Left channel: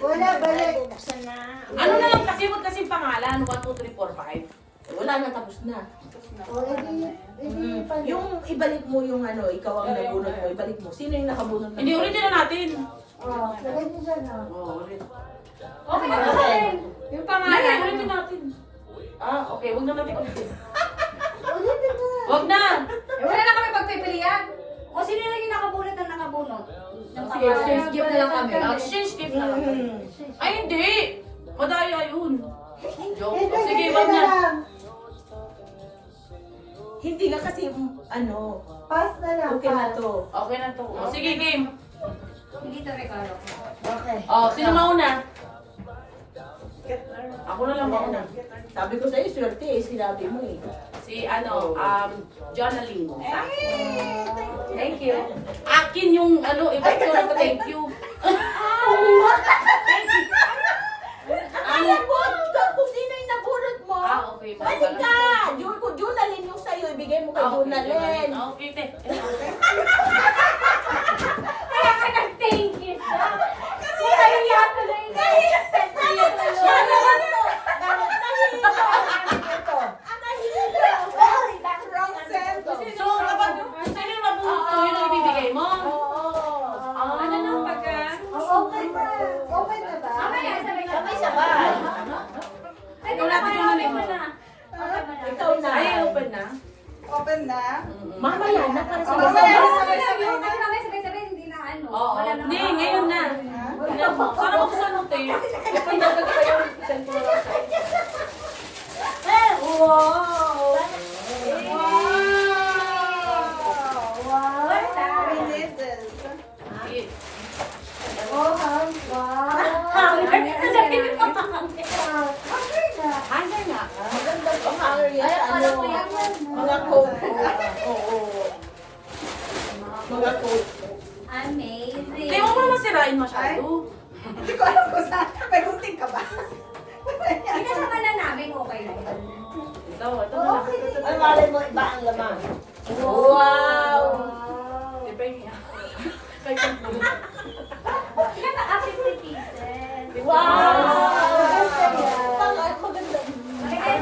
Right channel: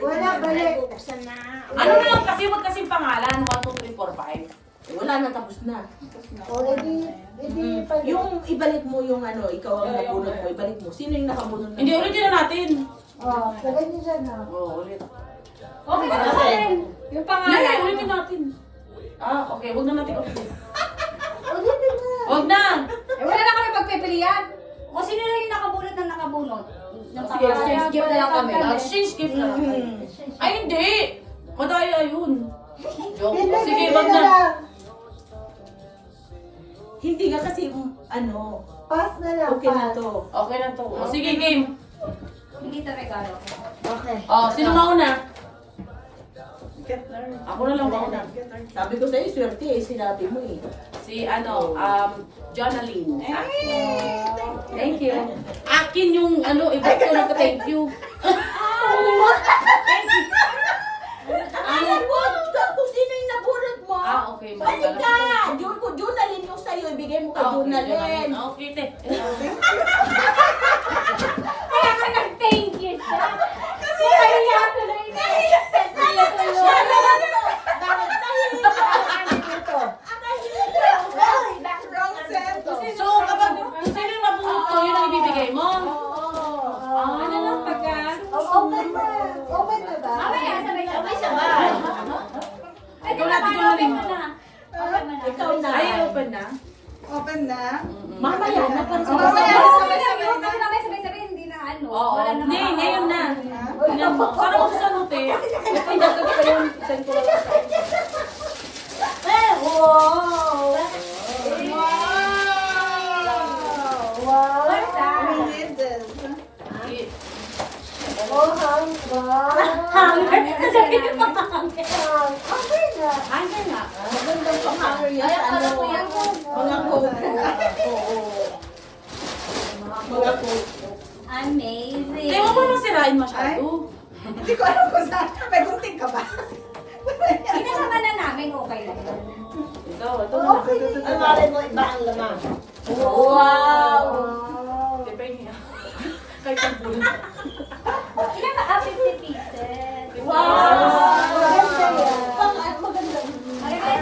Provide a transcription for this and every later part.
Wala, balik. Ano na lang kasi, wag kasing pangalan. 1, 2, 3, 4, 5. Wala na, tapos na. O, edi pala. Yung ibalik mo yung ano, ikaw ang nabunod mo, ibalik mo. Sino yung nakabunod na? Hindi, ulitin na natin. O, lagay niyo dyan na. Oo, ulit. Okay, Para okay. sa'yo. Yung Hindi, pangalan. ulitin natin. Ah, okay. Wag na natin ulitin. Ulitin na. Wag na. Eh, wala na kami pagpipilian. O sino lang yung nakabunot ng nakabunot? Yung Sige, pangalan, exchange gift na lang kami. Exchange gift lang. Ay, hindi. Madaya yun. Joke. Hindi, Sige, hindi wag na. lang. Hindi nga kasi, ano, Pass na lang. okay na pass. to. Okay na to. O, sige, game. Hindi to regalo. Okay. Oh, sino mauna? Ako na lang mauna. Sabi ko sa'yo, swerte eh, sinabi mo eh. Si ano, Jonaline. Thank you. Akin yung ano, iba ko lang thank you. Ayan mo, kung sino yung nabunod mo. Ah, okay. Balik ka! Junalin yung sa'yo, ibigay mo kay Junalin. Okay, te. Kaya ka nag-thank you siya. Kasi kaya tuloy na. So, kapag sino yung mabunod ko, yun ang ibibigay mo. Ano lang pagka? Open na. Open na ba? Mamaya, sabay-sabay. Ay, Ikaw natin yung open halin. mo na. Open mo na. Ikaw na. Ay, open na. Open na. Mamaya na, para sa Mamaya na. Sabay-sabay. Kasi mamaya sabay-sabay, hindi na ano. Oo. Wala na Hindi, ngayon na. Tingnan mo. Sana mo sa ano, te. Ipang dagdag pa yung send ko lang sa Wow! Wow. What's that? Oh, wow. Sasabihin mo pa kami. Okay na. Hanger nga. Magandang pang-hanger yan sa ano. Mga coat mo. Oo. Mga coat mo. Amazing. Hindi mo naman sirain masyado. Hindi ko alam kung saan. May gunting ka ba? Pinasama na namin, okay lang. Ito na lang. Okay na. Ang mali mo, iba ang laman. Wow! Wow. Di ba yung kahit ang pulo. Ilan ba? 50 pieces. Wow! Maganda.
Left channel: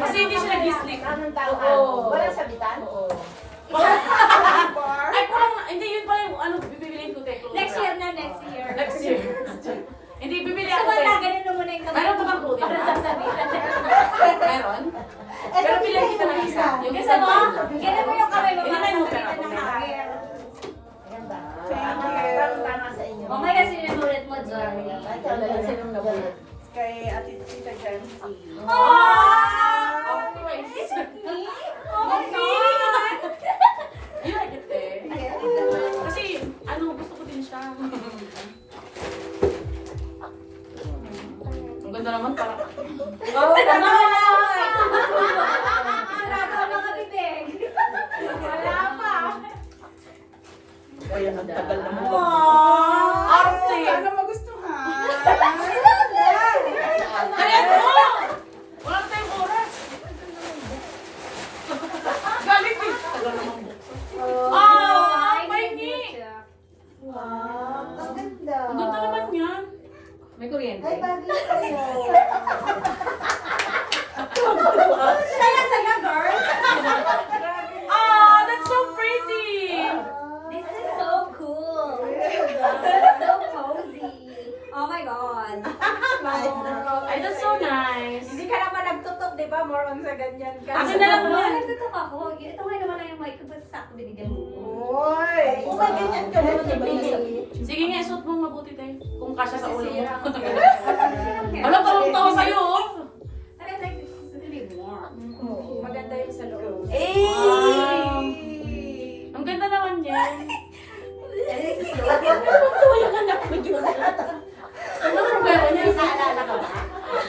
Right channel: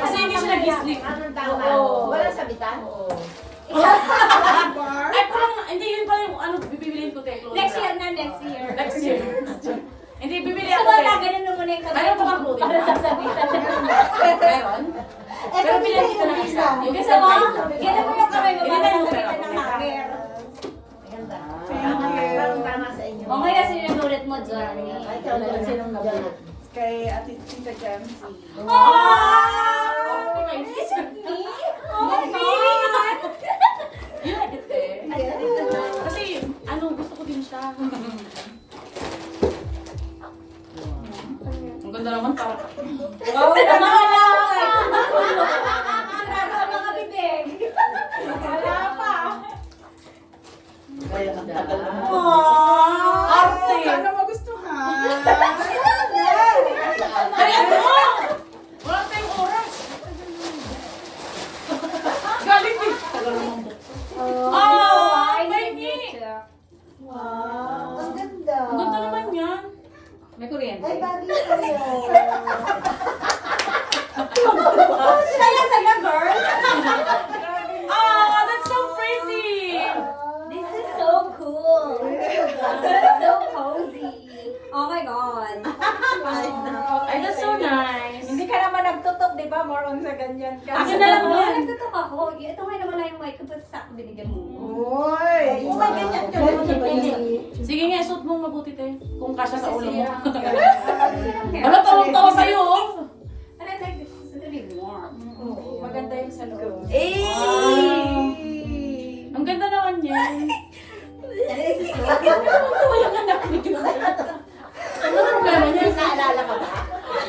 Kasi hindi siya nag-sleep. Anong Oo. Walang sabitan? Oo. Ay, parang, hindi yun pa yung ano, bibiliin ko tayo. Next year na, next year. Next year. Hindi, bibili So, ako tayo. wala, ganun na muna yung kamay. Meron pa kang clothing Para ba? sasabitan na. Meron? Pero bilhin kita ng isa. Yung Gusto isa mo? tayo. Ganun mo yung kamay mo Hindi para na yung sasabitan pera. ng hanger. Maganda. Thank you. Tama sa inyo. Okay na sinunulit mo, Jerry. Ay, talagang silang nabunod. Kay Ate Tita Jamsi. Oh! Okay. Oh, You like it, eh? Kasi, ano, gusto ko din siya. Ang ganda naman pa. Oh, tama na! Sarado ang mga bibig. Wala pa. Kaya ang tagal naman. Arte! Sana magustuhan. Kaya mo! Wala na tayong oras. Galing din. Tagal naman buksan. Ah! Pahingi! Wow. Ang ganda. Ang ganda naman yan. May kuryente. Ay, bagay sa'yo. Saya-saya, girl! Ah! That's so pretty! This is so cool. This is so cozy. Oh my God. Ay, that's so nice. Hindi ka naman nagtutok, di ba? More on sa ganyan ka. Akin na lang Oh, yan. nagtutok ako. Ito nga naman lang yung mic ko, but sakto binigyan mo. Uy! Kung may ganyan ka naman, iba na sa... Sige nga, isuot mo mabuti tayo. Kung kasya sa ulo mo. Ano Ano, tawang-tawa sa'yo, oh. But I like this. It's really warm. Maganda yung sa loob. Wow. Ang ganda naman yan. Tuwa yung anak mo, Junalin. Ano problema niya? Naalala ka ba?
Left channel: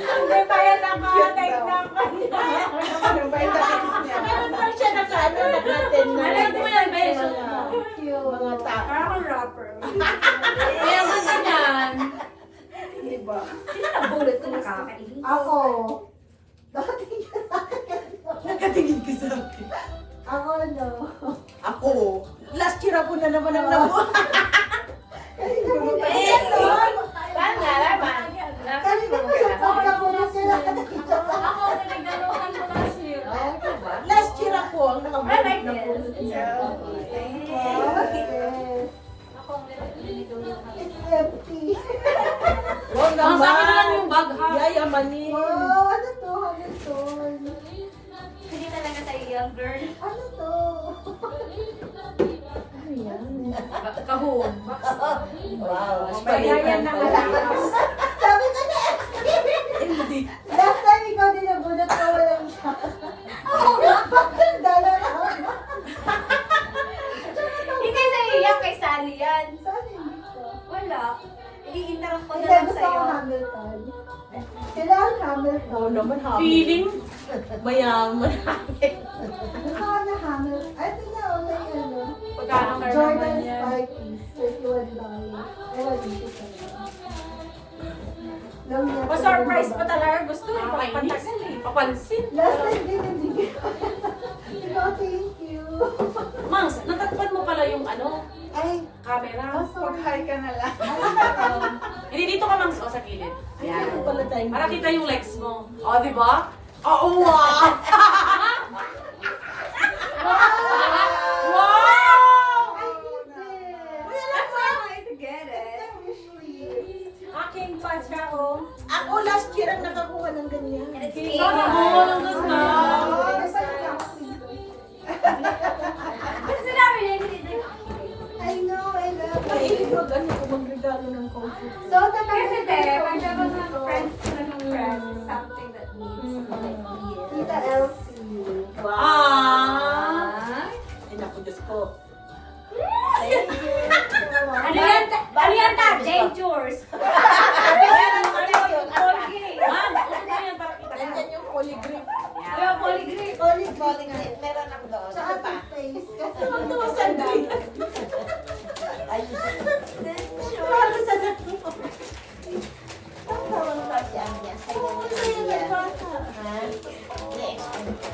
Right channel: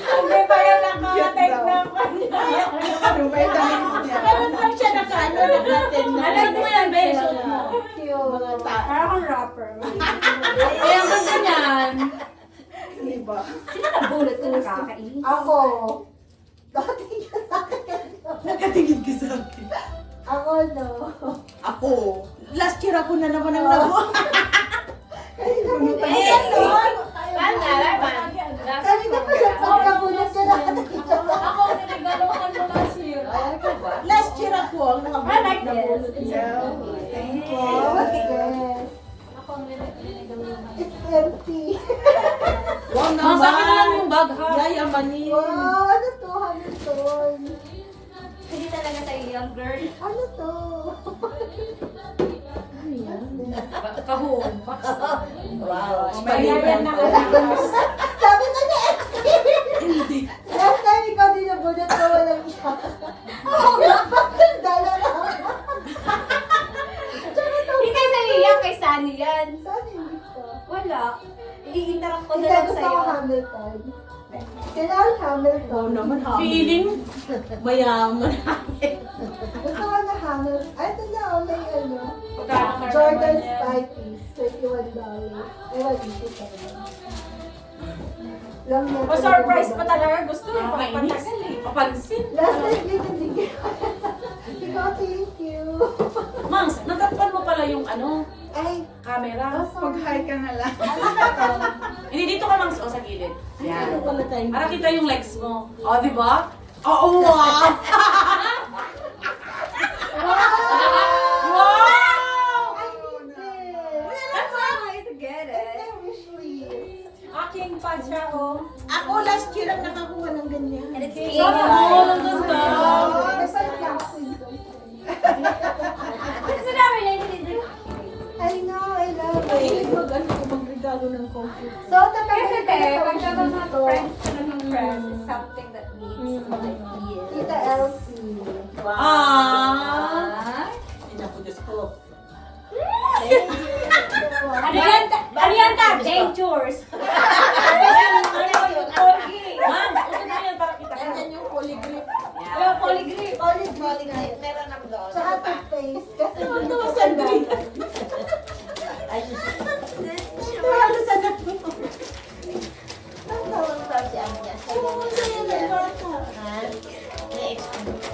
Hindi pa yan nakatek na kanya. Ano ba yung damit niya? Ganun lang siya nakaano, nakaten na. Ano mo yan, Bes? Mga ta. Parang rapper. Ay, ang ganda niyan. Di ba? Sino nabulot ko nakakainis? Ako. Nakatingin ka sa akin. Nakatingin ka sa akin. Ako, no. Ako. Last year ako na naman ang nabuo. Ayun, no. Paano? napulot niya. Wow, what's this? Ako ang linigawin ng It's empty. Wow, Ang sa akin na lang yung bag, ha? Yayamanin. Wow, ano to? Hamilton. Hindi talaga tayo young girl. Ano to? Ano yan? Kahon. Wow. May yan na Sabi ko na Hindi. last time ikaw din nagulat ko walang siya. Bakit dala na? Hindi sa'yo yan, kay Sunny yan. Saan hindi ko? Wala. I-interrupt ko na Hindi, lang gusto ko sa'yo. Hamilton. Kailangan Hamilton. Oo naman, Hamilton. Feeling? Mayaman. Gusto ko na Hamilton. Ay, ito na, okay, ano. Pagkano kayo Jordan naman yan? Spikies, $21. Ewan, dito tayo. Lang niya. Pa-surprise pa talaga. Gusto ko Nakakainis. Papansin. Last time din hindi ko. Ikaw, thank you. Mangs, natatpan mo pala yung ano, Ay, camera. Pag-hi ka na lang. Hindi, dito ka, Mangs. O, sa gilid. Ano Yan. pala tayo? Para kita yung legs mo. O, di ba? Oo nga! Wow! I need this. That's why I'm going to get It's it. my wish list. Aking pa siya, oh. Ako last year ang nakakuha ng ganyan. And it's Sana all ang ganda. Oh, may pala ako. Kasi namin lang hindi. I know, I love Mahilig it. mag-ano ko, magregalo ng comfort. So, tatapos Kasi ko te, na pag sa mga dito. friends is something that needs to like heal. Tita Elsie. Ah! Ay, naku, Diyos ko. Ano yan? Ano yan ta? Dentures. Mangs, uso na yan para kita ka. Nandyan yung polygrip. Wala polygrip. Polygrip. Pero lang doon. Sa ating face. Kasi Ano naman sandali?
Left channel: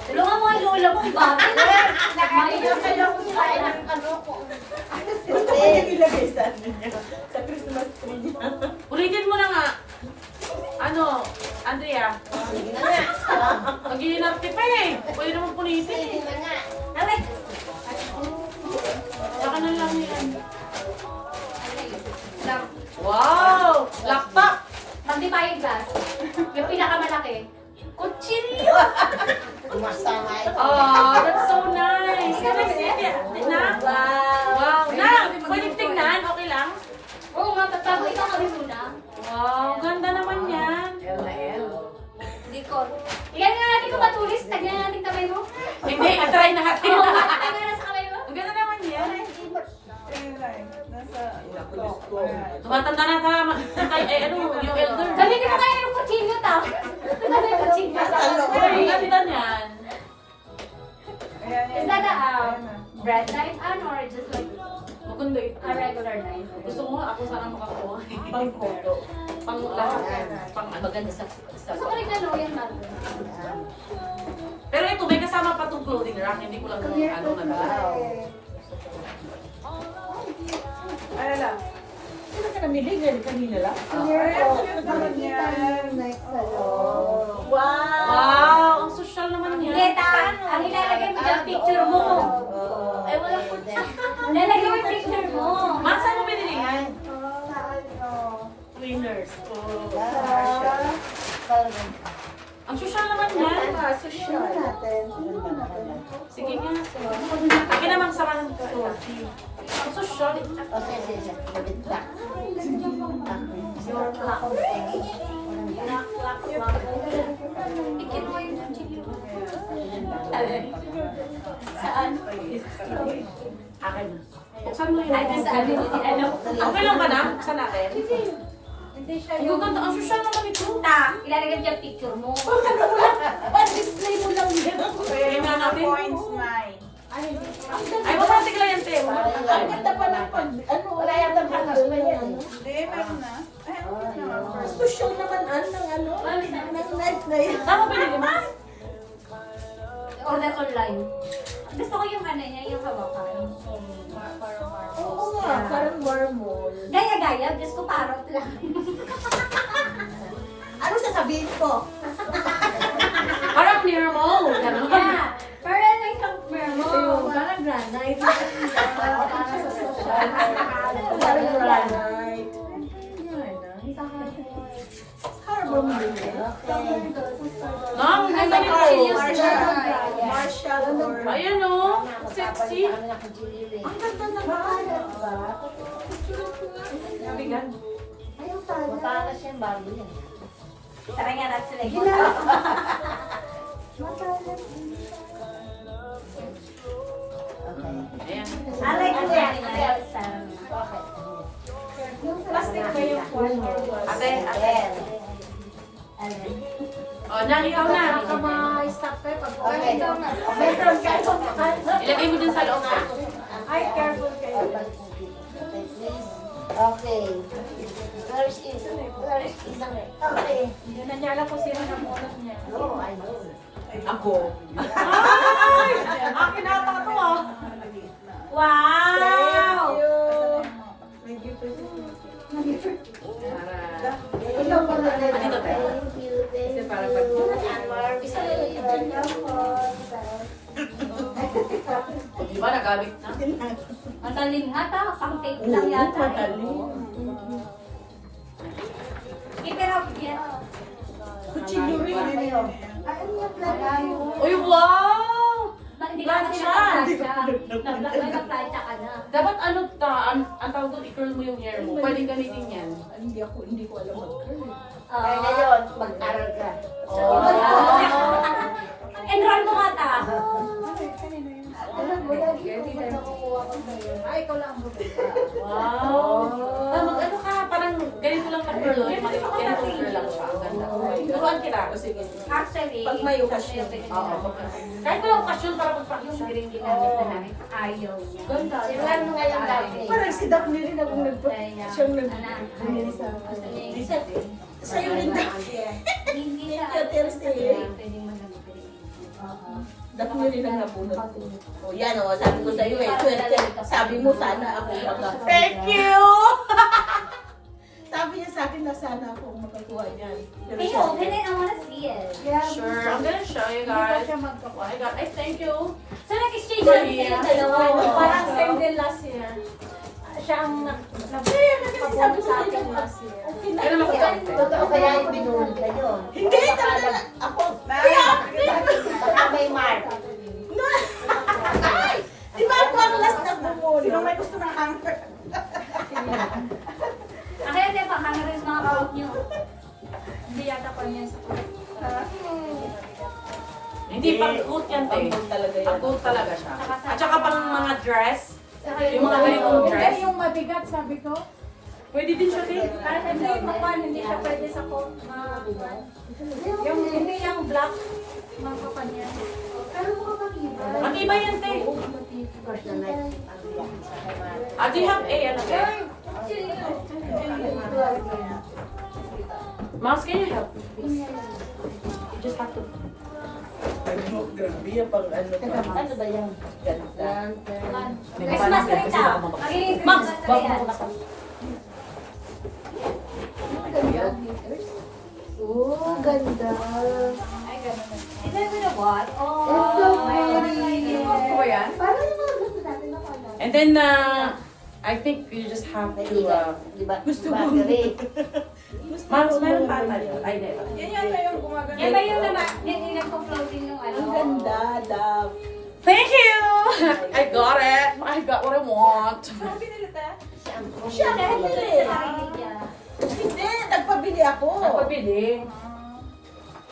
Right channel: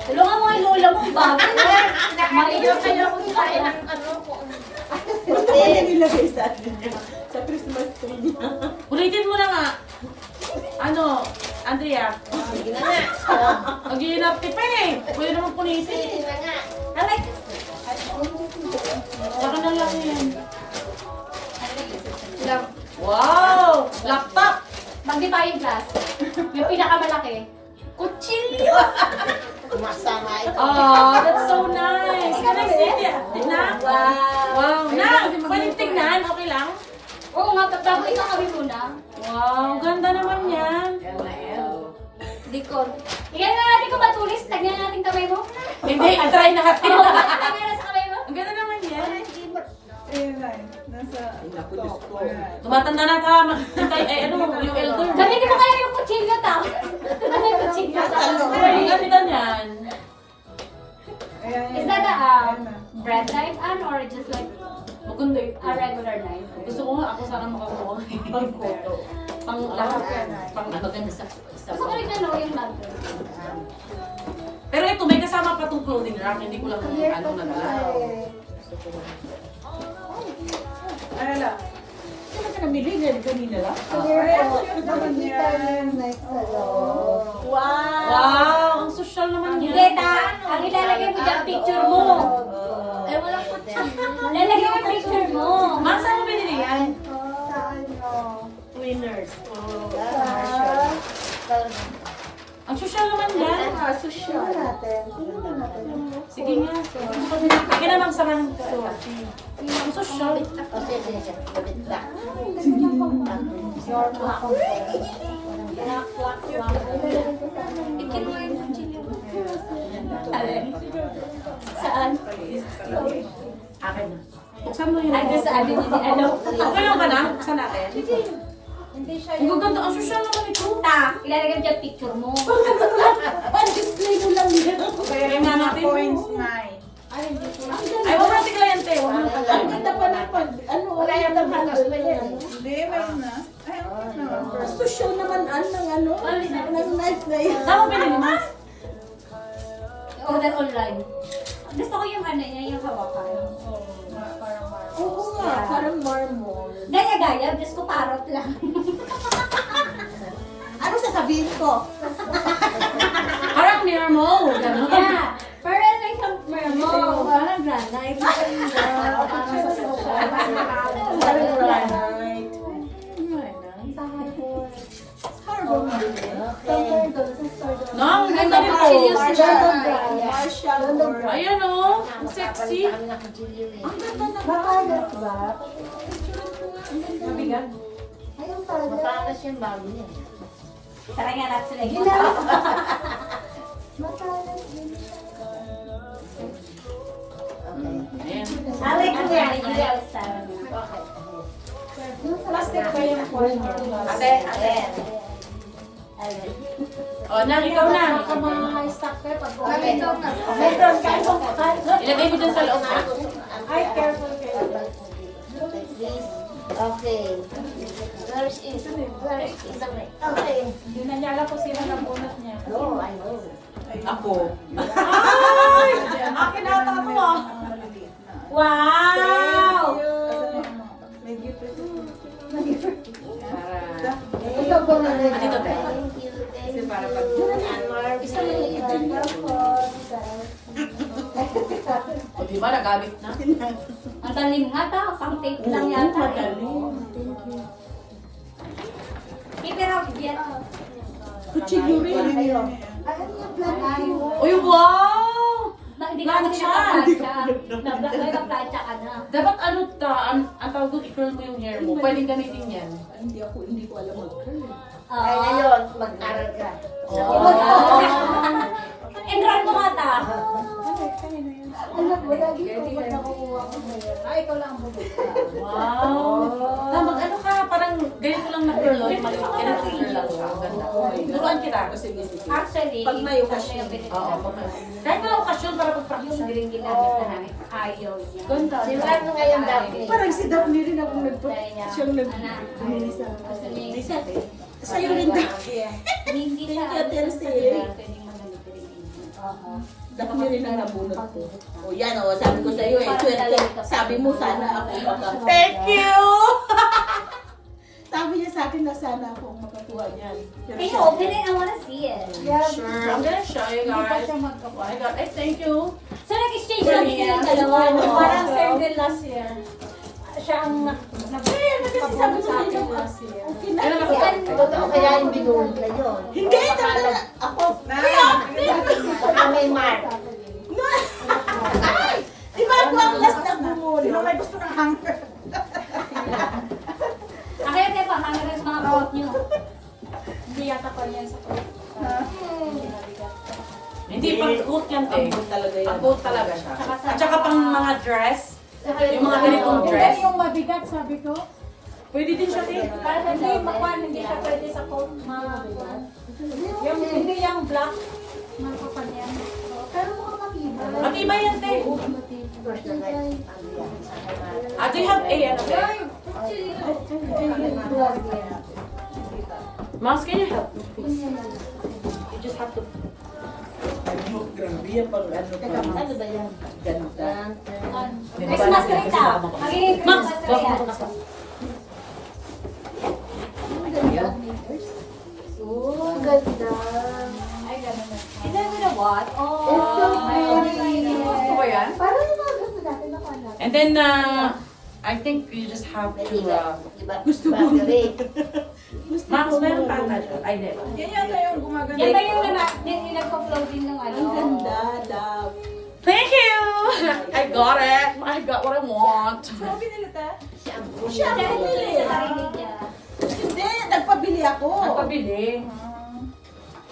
Tulungan mo ang lola mo. Bakit? Maliit ka lang kung saan. Gusto ko niya nilagay sa ano niya. Sa Christmas tree niya. Ulitin mo na nga. Ano, Andrea? Mag-iinarte pa eh. Pwede naman punitin. I like this. Saka na lang yan. Wow! Laptop! Magnifying glass. Yung pinakamalaki. Kutsilyo! Oh, that's so nice. Can I see it? Na? Wow. Na, pwedeng tignan. Okay lang? Oo nga, tatapos ikaw kami muna. Wow, ganda naman yan. Hindi ko. Tingnan na natin kung matulis. Tagnan natin kamay mo. Hindi, i-try natin. Tagnan na sa kamay mo. Ang ganda naman yan. Nasa Tumatanda na tama. Ay, ano, yung elder. Gamitin mo kaya yung kutsilyo ta. Ano yung kutsilyo? Ang ganda niyan. Is that a bread knife or just like Maganda ito. a regular knife? Gusto ko nga ako sana makakuha. pang-photo. Pang lahat. Pang ano. Maganda sa Gusto ko rin gano'n yung bago. Pero ito, may kasama pa tong clothing rack. Hindi ko lang kung ano nadala. Ano lang? Sino ka namili? Yan, kanina lang? Clear po. Nakikita niyo yung night sa loob. Wow! Wow, ang social naman Hindi yan. ta, ang ilalagay mo dyan picture mo. Ay, walang kutsilyo. Lalagay mo yung picture mo. Ma'am, saan mo binili yan? Sa ano? Winners. Ang social naman yan. Tingnan natin. Tingnan natin. Sige nga. Sige namang samahan ka. Ang social. Ay, ganda niya pang your Picture mo yung kutsilyo mo. Saan? Akin na. Buksan mo yun. Ay, doon sa ano, hindi ano. Okay lang ba na? Buksan natin. Hindi siya Ang gaganda. Ang social naman ito. Ta, ilalagay mo dyan picture mo. Pan-display mo lang yan. Kaya nga natin. Nine. Ay, wag natin kilayan, te. Wag natin Ang kilayan. ganda pa ng pag... Ano? Wala yan ng halos pa yan. Hindi, meron na. Ay, ang naman. Social naman ang ng ano. Ng night na yan. Saan mo binili, ma? Order online. Gusto ko yung ano niya, yung hawakan. Oo nga, parang marmol. Gaya-gaya, Diyos ko parot lang. Ano sasabihin ko? Parang mirror mo. Ganun. Yeah. Pero like some mo. granite. Parang sa social. Parang granite. Harbor Marine. No, ang ganda rin po. Marshall or... Ayan o, sexy. Ang ganda na Batangas ba? Mabigat. Ayaw tayo. Batangas yung babi yan. Tara nga natin sila. Batangas. Ayan. Alay ko yan. Okay. Plastic ba yung phone? Ate, ate. O, Nang, ikaw na. Ma-stop kayo pag okay. Meron kayo. Ilagay mo dyan sa loob ka. Ay, careful kayo. Okay. First is the okay. Hindi na niya alam kung sino nabunot niya. No, I know. Ako. Ay! Akin ata ito ah. Wow! May gift ito. Ikaw po na rin. Dito, te. Thank you. Kasi para pag... Isa na yung O, diba, nagabit na? Ang talim hata, pang tape lang yata. Keep it up, get up. Kutsilyo rin. Ano yung plan? Uy, wow! Hindi ka Plancha! nag-plancha ka na. Dapat ano ta, ang tawag doon, i-curl mo yung hair mo. Pwedeng gamitin yan. Hindi ko alam mag-curl. Ay, ngayon, mag-aral ka. Enroll mo nga ta. Alam mo, lagi ko ba nakukuha ko ngayon? Ay, ikaw lang ang bubuka. Wow! Mag-ano ka, parang ganito lang na curl. Yung maliit, ganito curl lang siya. Ang ganda. Turuan kita. Actually, Pag may okasyon. Oo, kahit walang okasyon para pag-practice. hindi rin ginamit na namin. Ayaw niya. Ganda. Si ano ngayon dati? Parang si Daphne rin ako siyang Lisa. Sa'yo rin dati. Hindi siya. Daphne rin ang nabunot ko. O yan o, sabi ko sa'yo eh. Sabi mo sana ako makakuha. Thank you! Sabi niya sa akin na sana ako makakuha niyan. Pero Can you siya- open it? I wanna see it. Sure, I'm gonna show you guys. Oh my God, ay thank you. So, nag-exchange lang Maria. din yung dalawa. Parang single last year. Siya ang nagpapapunta sa akin last year. Okay na. Kaya naman sa Totoo kaya yung binulog na yun. Hindi, talaga ako. May mark. Ay! Di ba ako ang last na bumulo? May gusto na hanger. Kaya din pa, hanggang rin mga coat nyo. Hindi yata pa niya sa Hindi, pag-coat yan, te. Ang coat talaga siya. At saka pang mga dress, yung mga ganitong dress, yung mabigat, sabi ko. pwede din siya, te. Para hindi makuha, hindi siya pwede sa coat yung hindi yung black. Makapan yan. Pero makakakibay. Matibay yan, te. First na night. Do you have a, ano, te? Mouse, can you help me, please? You just have to... Grabe yung pang ano pa. Ano ba yan? Ganda. Next master ka. Makinig ka. Mouse, wag mo ito nasa. Ang ganda. Oh, ganda. Is that with a what? Oh, It's so pretty. Gusto ko yan? Parang yung mga gusto natin na pala. And then, I think you just have to, Diba? Gusto diba, mo. gabi? Mouse, meron pa tayo. Ay, hindi. Yan yata yung gumaganda. yan ba yung nag-floating ng ano? Ang ganda, love. Thank you! I got it. I got what I want. Ano binili ta? Shampoo. Siya ang bumili. Hindi, nagpabili ako. Nagpabili.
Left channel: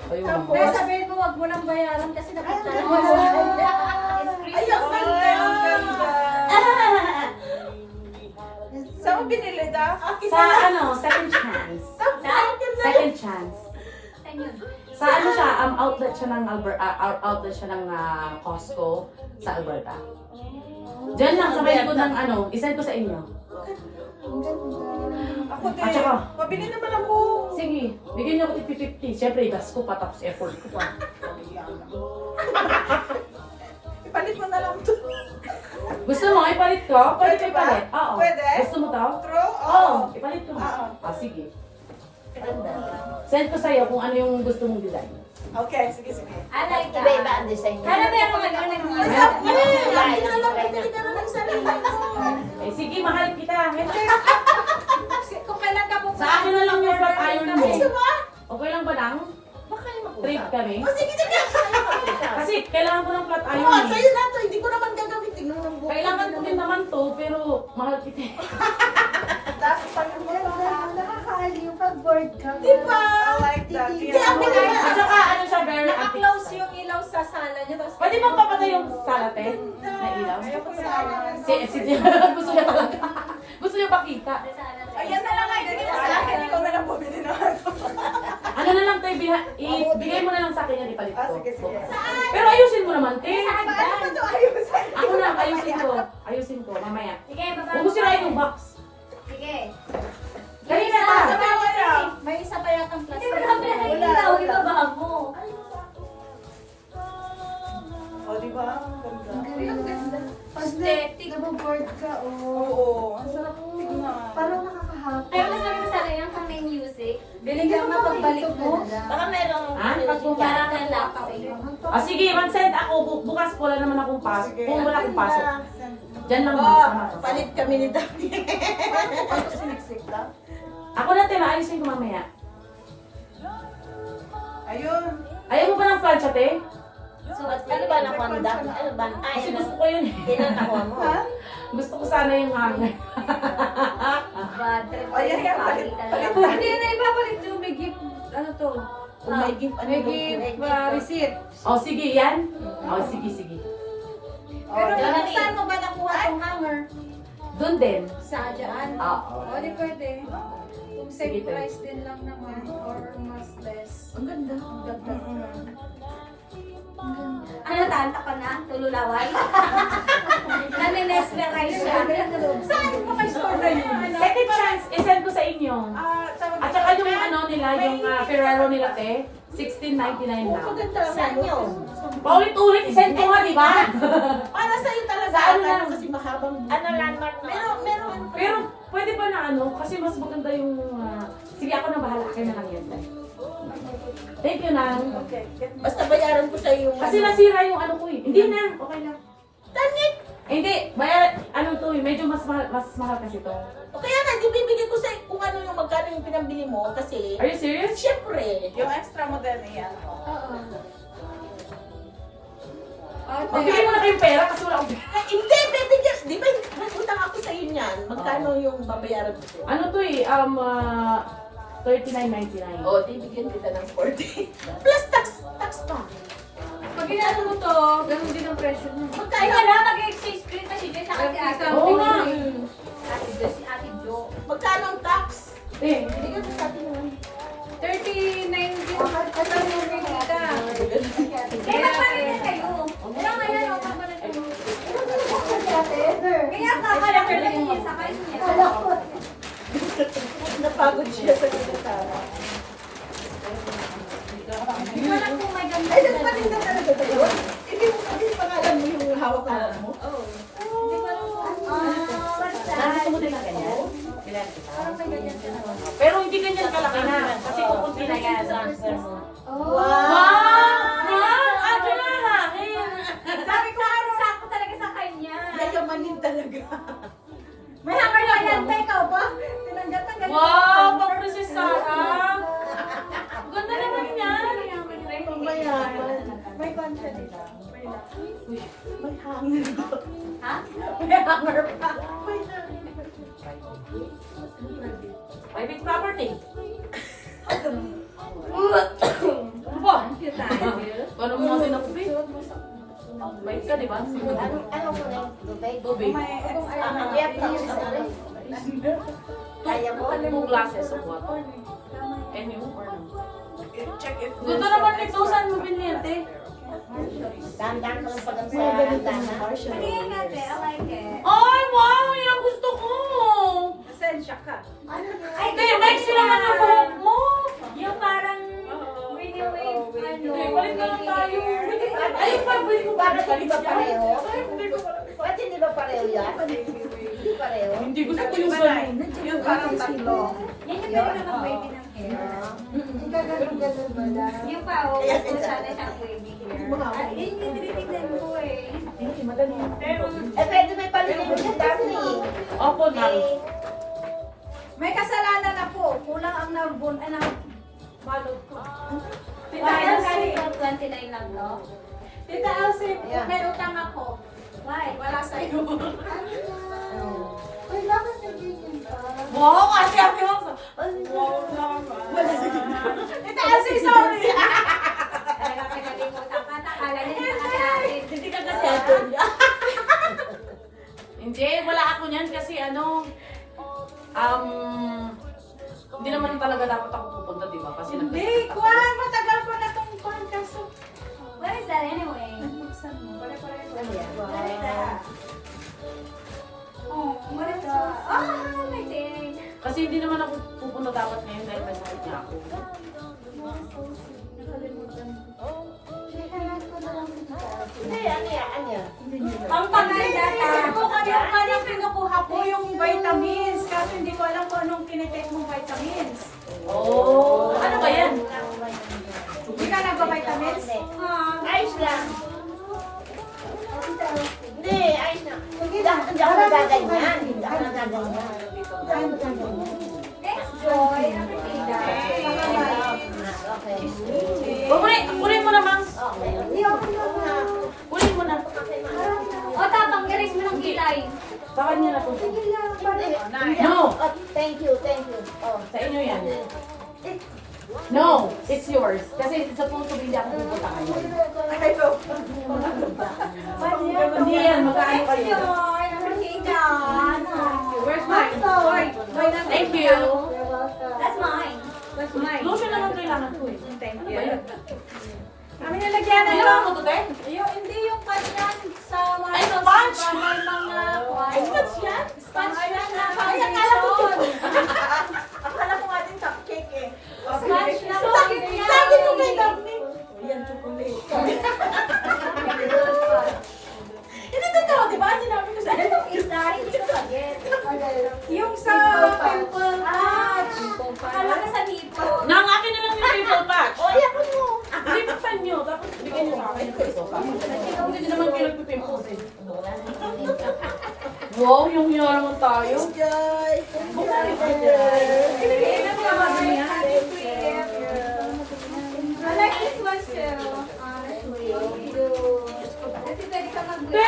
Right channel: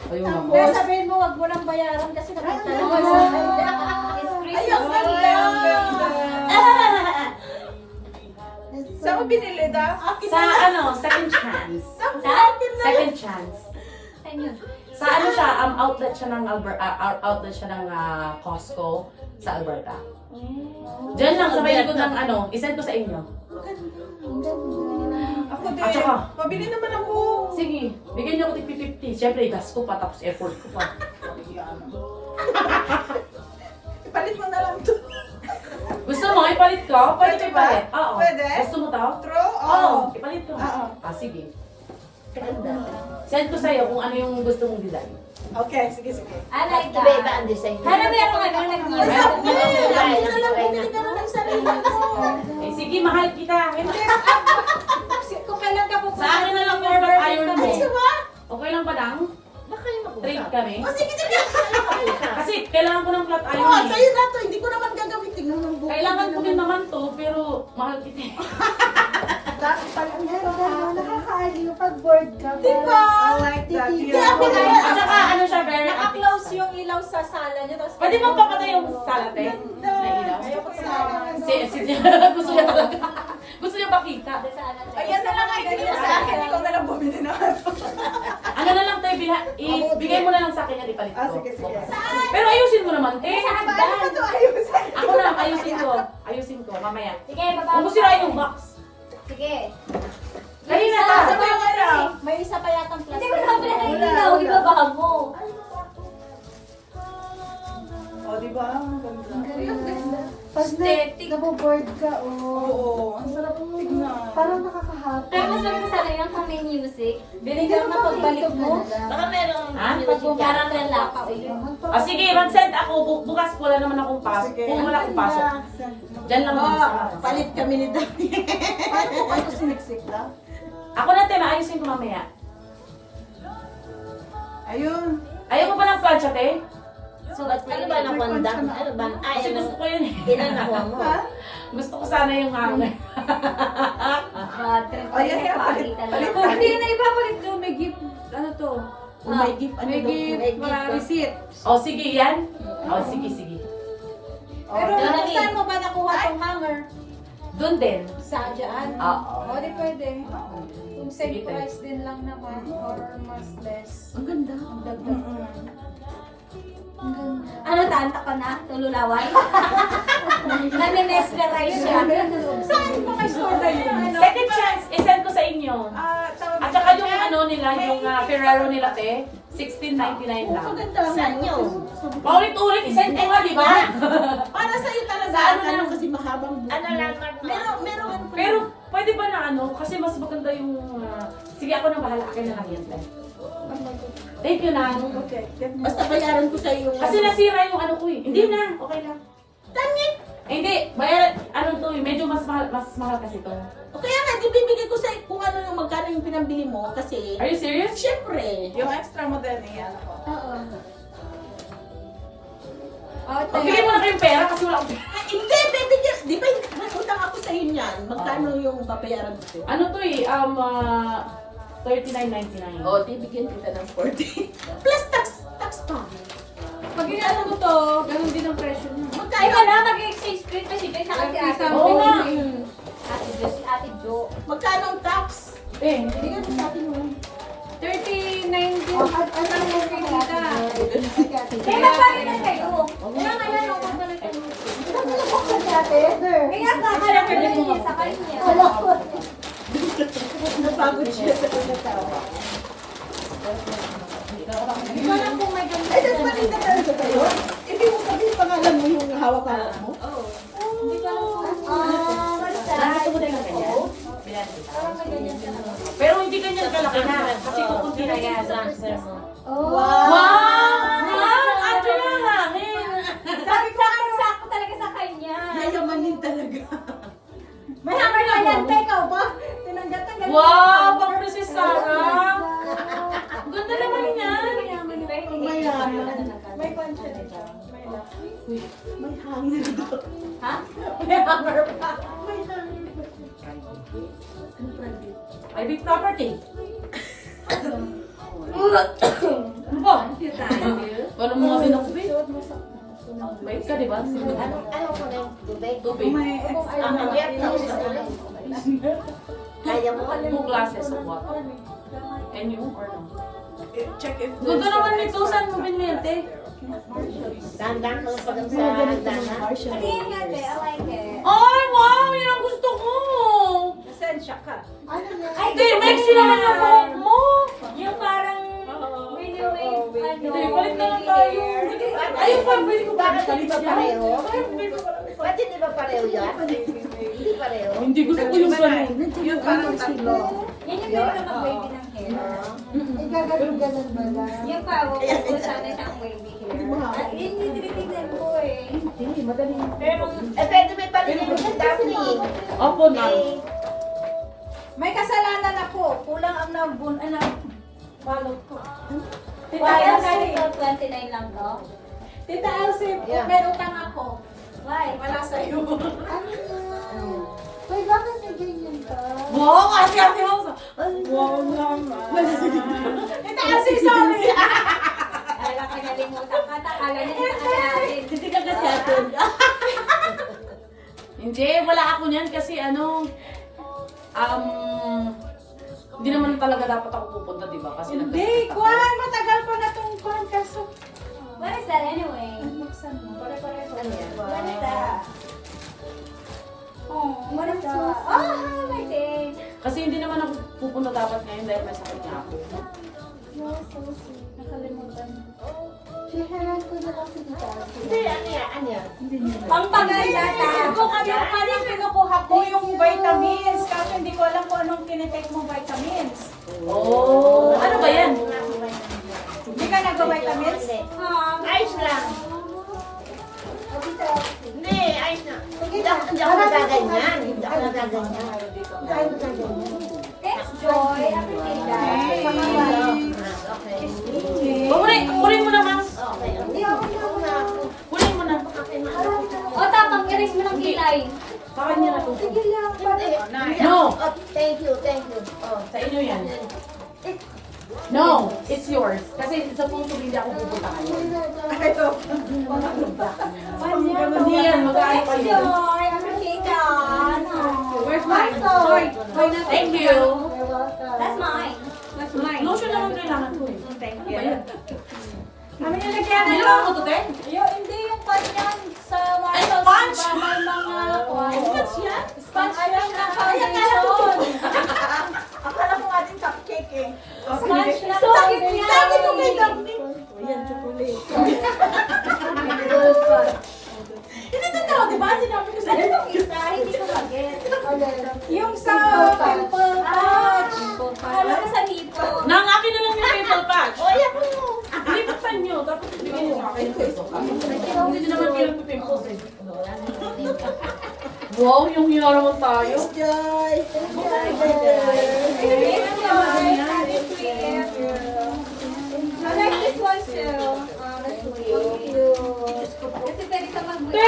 Ayun. Kaya sabihin mo, wag mo nang bayaran kasi nakita Ay, mo. Ay, ang ganda. Saan mo binili da? Sa ano, second chance. Second chance. Sa ano siya, outlet siya ng outlet siya ng Costco sa Alberta. Diyan lang, sabay likod ng ano, isend ko sa inyo. Ako din. At saka, Pabili naman ako. sige, bigyan niyo ako tig 50. Siyempre, gas ko pa, tapos effort ko pa. Ipalit mo na lang to. Gusto mo, ipalit ko? Pwede ba? ipalit. Oo. Pwede? Gusto mo to? True? Oo, ipalit ko. Oo. Sige. Send ko sa'yo kung ano yung gusto mong design. Okay, sige. I like that. Iba-iba ang design. Para meron nga ganun yung Ay, music. sabi niya, ako na lang bumili ka na ng sarili mo. Eh, sige, mahal kita. Kung kailan ka po. Sa akin na lang yung flat iron mo. Ay, ba? Okay lang ba lang? Baka yung Treat mag-usap. kami. O, sige. Kasi kailangan ko ng flat iron Oo, eh. sa'yo na to. Hindi ko naman gagamitin ng buko. Kailangan ko din naman to, pero mahal kita. Nakakaaliw pag bored ka. Diba? I like that. Kaya ako na. At saka ano siya, very Naka-close yung ilaw sa sala niyo. Tapos Pwede bang papatay yung salate na ilaw? Ayoko sa Gusto niya talaga. Gusto niya pakita. Ayan na lang, ibigay mo sa akin. Ikaw na lang bumili na ano. Ano na lang, te, ibigay mo na lang sa akin yan, ipalit ko. Sige. Pero ayusin mo naman, te. Ano ba ito? Ayusin. Ako na, ayusin ko, mamaya. Sige, baba. Huwag mo sirain yung box. Sige. Kanina Isa, pa. sa mga ano. May isa pa yatang Hindi plastic. mo naman pinakailaw. Ibabahag mo. O, diba? Ang ganda. Pag naboboard ka, Oo, ang sarap tignan. parang nakakahappy. Kaya mas maganda sa akin yung may music. Binigyan na pagbalik mo. Baka merong... Ha? Pag Parang relax. Sige, mag-send ako. Bukas wala naman akong pasok. Sige. Kung wala akong pasok. Diyan lang Oh, mag-sama. palit kami ni Dami. Ano siniksik lang? Ako na, te, maayusin ko mamaya. Ayun. Ayaw mo ba ng plancha, te? So, ano ba ng bandang? Ano ba? Ay, Kasi ano? gusto ko yun eh. Ilan nakuha mo? Gusto ko sana yung hanger. Bad trip. Oh, yan nga, palit. Hindi na ipapalit yung may gift. Ano to? Kung may gift, ano daw po? receipt. O, sige, yan. O, sige. Pero Dali. saan mo ba nakuha tong hanger? Doon din. Sa dyan? Oo. O, di pwede. Kung Sige, same price din lang naman or mas less. Ang ganda. Ano, tanta ka na? Tululawan? Naninesperize siya. Saan mo kay Soda yun? Second chance, isend ko sa inyo. At saka yung ano nila, yung Ferrero nila, te, 16.99 Oh, lang. maganda. Saan yun? Paulit-ulit, isend ko nga, di ba? Para sa'yo talaga. Sa ano Ano lang? kasi mahabang buko. Ano landmark mo? Meron. Pero, pwede ba na ano, kasi mas maganda yung... sige, ako na bahala, akin na lang yan, te. Thank you, Nang. Okay. Basta bayaran ko sa'yo yung... Kasi nasira yung ano ko eh. Hindi na, okay lang. Tanit! Eh, hindi, bayar, ano to eh, medyo mas mahal kasi to. O kaya nga, di bibigay ko sa'yo kung ano yung magkano yung pinambili mo. Kasi, Are you serious? syempre. Yung extra model niya, ano ko? Oo. Okay, mo na kayong pera kasi wala akong... Hindi, bibigyan. Di ba, utang ako sa'yo niyan. Magkano yung babayaran ko sa'yo? Ano to eh, 39.99. O, di bigyan kita ng 40. Plus tax pa. Pag ano mo to, ganun din ang presyo niya. Ay, Magkano? wala. Mag-exchange rate kasi siya kasi ate. Oo nga. Ate Jo, si ate Jo. Magkano ang tax? Eh, Bigyan mo sa atin naman. 39 Oh, at ano yung kita? May magpalit na kayo. Wala nga yan. Ang magpalit na kayo. Kaya kakala ko lang niya sa kanya. Napagod siya sa pagkatawa. Hindi ko alam kung may ganda. Ay, that's maganda talaga sa'yo. Hindi mo kasi pangalan mo yung hawak-hawak mo. gusto mo din ng ganyan? Bilan kita. Pero hindi ganyan kalaki na. Kasi kukunti na yan. Transfer mo. Wow! Wow! Ano na hangin? Sabi ko ano sakto talaga sa kanya. Nayamanin talaga. May hanger na yan, ikaw ba? Tinanggap na ganyan. Wow! Pang Princess Sarah! Ganda naman yan! Mayaman. May kwan siya dito. May lock. May hanger daw. Ha? May hanger pa. May hanger pa. Private property. Ba? Paano mo kasi nakubig? Bait ka, di ba? Ano ko na yung Dubai? Tubig. May extra. Kaya mo? 2 glasses of water. Can you or no? Check if Ganda naman nito. Saan mo binili yan, te? Dahan-dahan ka lang pag sa dana. Hindi yan nga, te. I like it. Ay, wow! Yan ang gusto ko! Pasensya ka. Ano na? Ay, Te, Mexi naman yung buhok mo! yung parang renewing. Hindi, balik na lang tayo. Ayun pa, balik ko ba? Bakit hindi ba pareho? Ay, hindi ko pala. Ba't hindi ba pareho yan? Hindi pareho? Hindi gusto ko yung ganun. Yung parang tatlo. Yan yung meron na mag-wavy ng hair. Hindi Magaganon-ganon mo lang. Yung pa, kung sana siyang wavy hair. Yun yung tinitignan ko eh. Hindi, madali yun. pwede may palitin ka dati. Opo, ma'am. May kasalanan ako. Kulang ang nabun, balot ko. Tita Why Elsie, else 29 lang, no? Tita Elsie, may utang ako. Why? Wala sa'yo. Ano na? Uy, bakit may ganyan ka? Oo, kasi ako yung Tita Elsie, sorry. Talaga pinalimutan ka. Takala niya nakakasin. Hindi ka kasi atin. Hindi, wala ako niyan kasi hindi naman talaga dapat ako pupunta, di ba? Kasi Hindi, nagkasakit ako. Kwan. Matagal ko na itong Kwan. Kaso, What is that anyway? buksan mo. Pare-pare ko. Ano yan? What is that? Oh, what is that? Oh, my thing. Kasi hindi naman ako pupunta dapat ngayon dahil may sakit niya ako. Yes, so sweet. Nakalimutan ko. Share ko na lang si Tita Elsie. Hindi, ano yan? Pampaganda ka. Isip ko kanyung palang pinukuha ko yung vitamins. Kasi hindi ko alam kung anong kinitake mong vitamins. Oh, ano ba yan? Hindi ka nag-vitamins? Ayos lang. Tita Elsie. Hindi, ayos na. Sige Hindi na. ako nagaganyan. Hindi ako nagaganyan. Ay, magaganyan. Thanks, Joy. Appreciate that. Okay. Kunin mo na, ma'am. Okay. Hindi ako na. Kunin mo na. O, tapang erase mo ng kilay. Baka niyo na to. Sige lang. Pare. No, Oh, thank you, thank you. Oh. sa inyo yan. No, it's yours. Kasi sa punto hindi ako pupunta ngayon. Ito. Hindi yan, mag-aano Thanks, kayo. Joy. Appreciate that. Where's mine? Sorry. Thank you. You're welcome. That's mine. That's mine. Lotion naman kailangan ko eh. Thank Ano you. ba yan? Ano nilagyan na Ginawa mo to, te? Hindi yung kanyan sa Ay, sponge! May mga Ay, sponge yan? Sponge yan na Ay, akala ko to. foundation. Akala ko ating cupcake eh. Sponge na Sabi ko kay foundation. Daphne. Yan, chocolate. Hindi totoo, di ba? Sinabi ko sa'yo. Isa, hindi ko mag-get. Yung sa pimple patch. Alam ko sa dito. Nang akin na lang yung pimple patch. O, yan mo. Lipat nyo, tapos bigyan nyo sa akin. Hindi naman kayo nagpipimples eh. Wow, yung hira naman tayo. Joy. I like this one too. Honestly. Kasi pwede ka Te!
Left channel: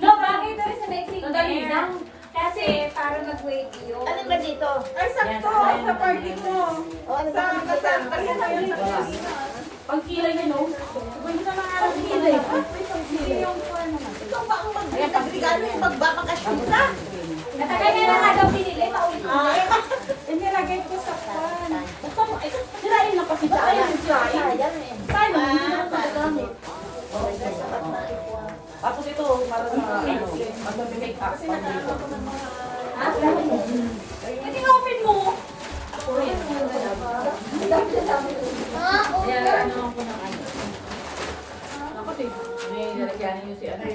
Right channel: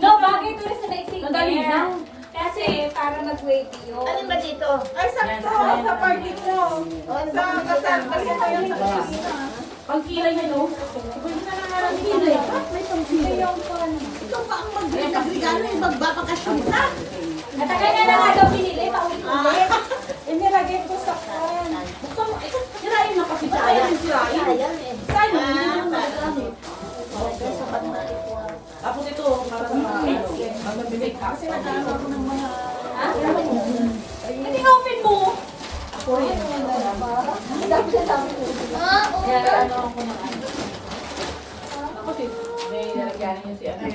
No, bagay ito rin sa next week. Madali lang. Kasi para mag-wavy yun. Alin ba dito? Ay, sakto. Sa party ko. Sa kasal. Kasi ko yun sa kusina. Pagkilay yun, oh. Pagkilay. Pagkilay yung pan. Ikaw ba ang mag-regalo yung magbabakasyon ka? Matagal na lang nga daw pinili. Paulit-ulit. Inilagay ko sa pan. Sirayin na kasi tayo. Sirayin. Ayan eh. Sirayin na hindi naman magagamit. Tapos ito, para sa mag-make up. Hindi open mo. Yan, ano ako ng ano. Ako si, may nalagyan niyo si ano.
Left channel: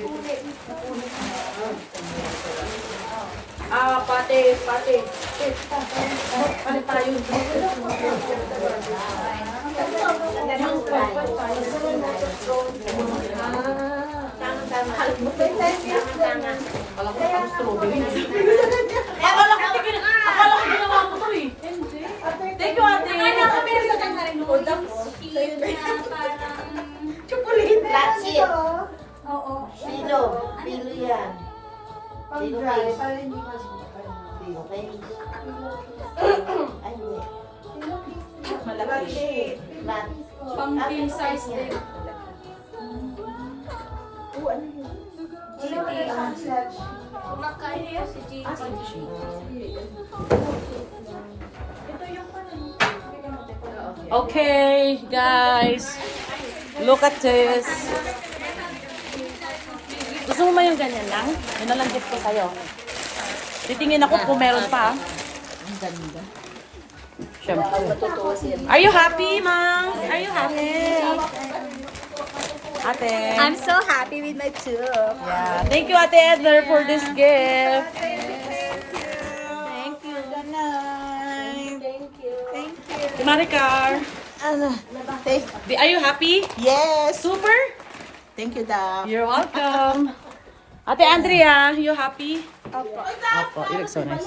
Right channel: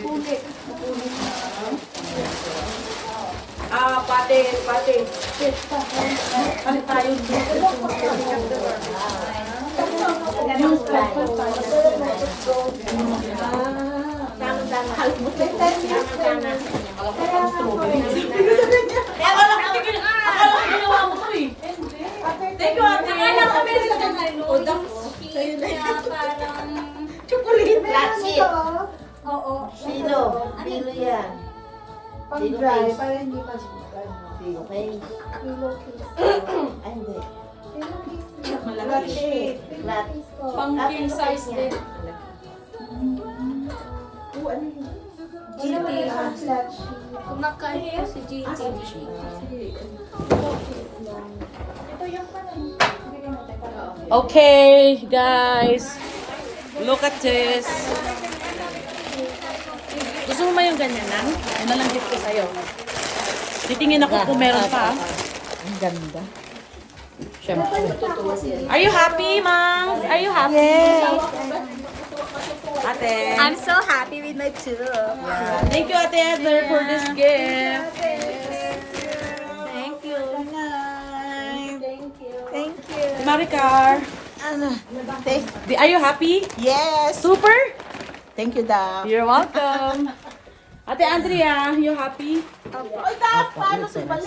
Pate. Palit tayo. Yung purple tayo. Tama-tama. Alam ko parang strawberry. Akala ko ginawa mo to eh. Thank you, ate. Akala ko meron ka ng ano. Udak yung ko. cake Sa'yo na na parang... Chocolate. That's it. Oo. Pilo. Pilo yan. Pang-dry. Para hindi pa Pilo cake. Ay, hindi. Malaki. Flat. Pang king size din. Oh, ano yun? Kumakain si Gigi. Ito yung pan. Okay, guys. Look at this. Gusto mo ba yung ganyan lang? Yun na lang gift ko sa'yo. Titingin ako kung meron pa. Ang ganda. Siyempre. Are you happy, Mom? Are you happy? Yes. Ate. I'm so happy with my tube. Yeah. Thank you, Ate Edler, for this gift. Thank you. Si Maricar. Are you happy? Yes. Super? Thank you, Dap. You're welcome. Ate Andrea, you happy? Opo. You look so nice.